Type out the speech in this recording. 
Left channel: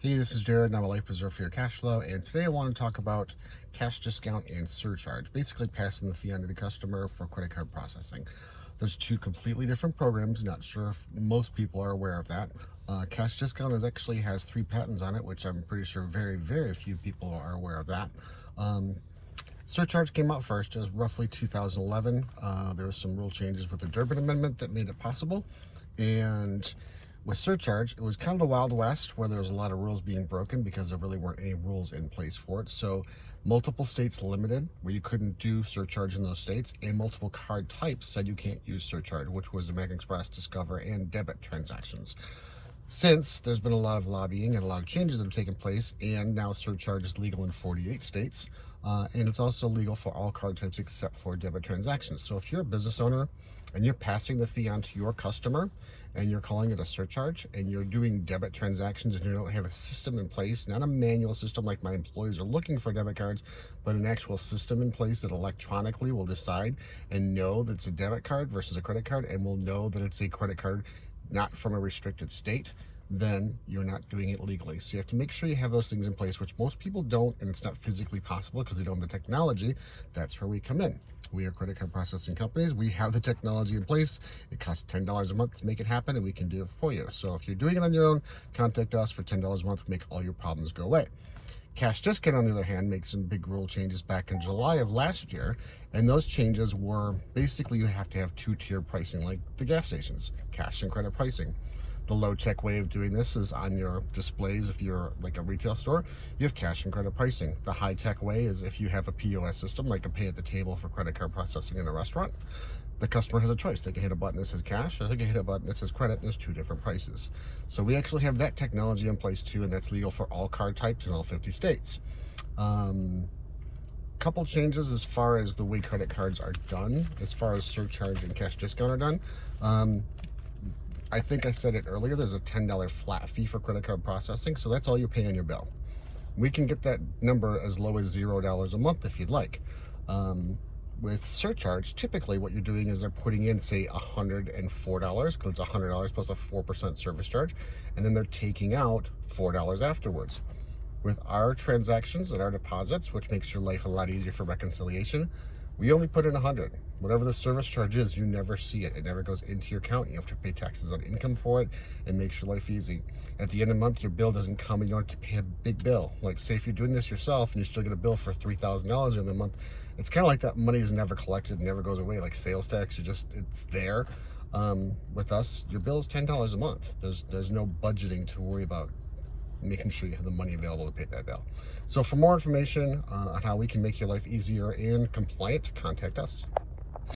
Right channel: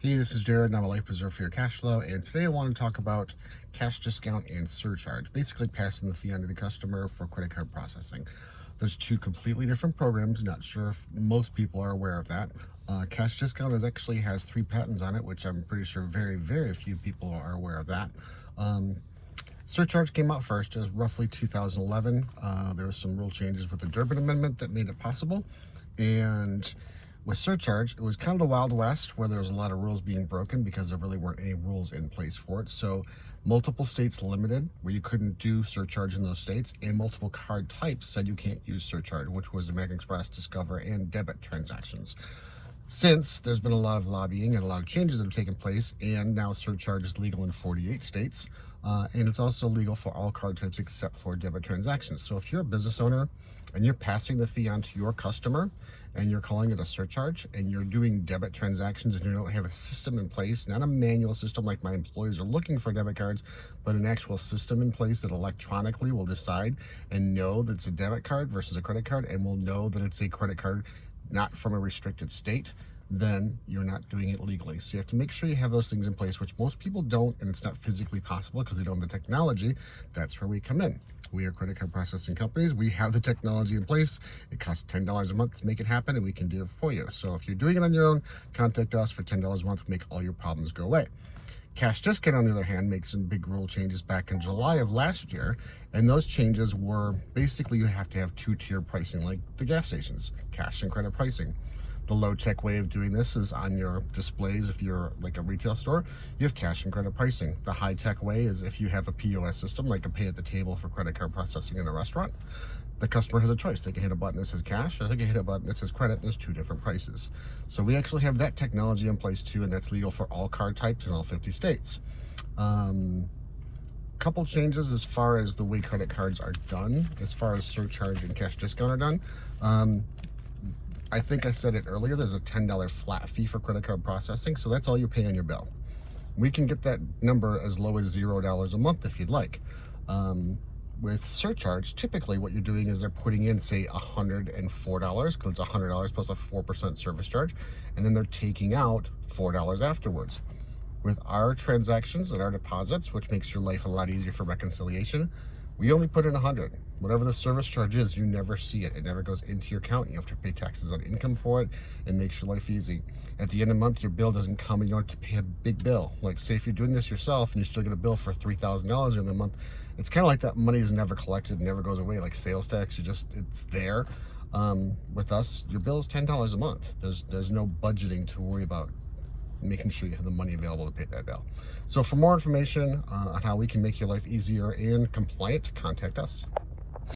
Hey, this is Jared, and I'm a life preserver for your cash flow. And today I want to talk about cash discount and surcharge, basically passing the fee on to the customer for credit card processing. There's two completely different programs. Not sure if most people are aware of that. Cash discount actually has 3 patents on it, which I'm pretty sure very few people are aware of that. Surcharge came out first. It was roughly 2011. There were some rule changes with the Durbin Amendment that made it possible. And with surcharge, it was kind of the Wild West where there was a lot of rules being broken because there really weren't any rules in place for it. So multiple states limited where you couldn't do surcharge in those states, and multiple card types said you can't use surcharge, which was American Express, Discover, and debit transactions. Since there's been a lot of lobbying and a lot of changes that have taken place, and now surcharge is legal in 48 states, and it's also legal for all card types except for debit transactions. So if you're a business owner and you're passing the fee on to your customer and you're calling it a surcharge and you're doing debit transactions and you don't have a system in place, not a manual system like my employees are looking for debit cards, but an actual system in place that electronically will decide and know that it's a debit card versus a credit card, and will know that it's a credit card not from a restricted state, then you're not doing it legally. So you have to make sure you have those things in place, which most people don't, and it's not physically possible because they don't have the technology. That's where we come in. We are credit card processing companies. We have the technology in place. It costs $10 a month to make it happen, and we can do it for you. So if you're doing it on your own, contact us for $10 a month. Make all your problems go away. Cash Discount, on the other hand, made some big rule changes back in July of last year, and those changes were basically you have to have two-tier pricing like the gas stations, cash and credit pricing. The low-tech way of doing this is on your displays. If you're like a retail store, you have cash and credit pricing. The high-tech way is if you have a POS system, like a pay at the table for credit card processing in a restaurant. The customer has a choice. They can hit a button that says cash, or they can hit a button that says credit. There's 2 different prices. So we actually have that technology in place too, and that's legal for all card types in all 50 states. Couple changes as far as the way credit cards are done, as far as surcharge and cash discount are done. I think I said it earlier, there's a $10 flat fee for credit card processing, so that's all you pay on your bill. We can get that number as low as $0 a month if you'd like. With surcharge, typically what you're doing is they're putting in, say, $104, because it's $100 plus a 4% service charge, and then they're taking out $4 afterwards. With our transactions and our deposits, which makes your life a lot easier for reconciliation, we only put in $100. Whatever the service charge is, you never see it. It never goes into your account. You have to pay taxes on income for it. It makes your life easy. At the end of the month, your bill doesn't come and you don't have to pay a big bill. Like, say if you're doing this yourself and you still get a bill for $3,000 in the month, it's kind of like that money is never collected, never goes away, like sales tax. It's there. With us, your bill is $10 a month. There's no budgeting to worry about, making sure you have the money available to pay that bill. So for more information on how we can make your life easier and compliant, contact us.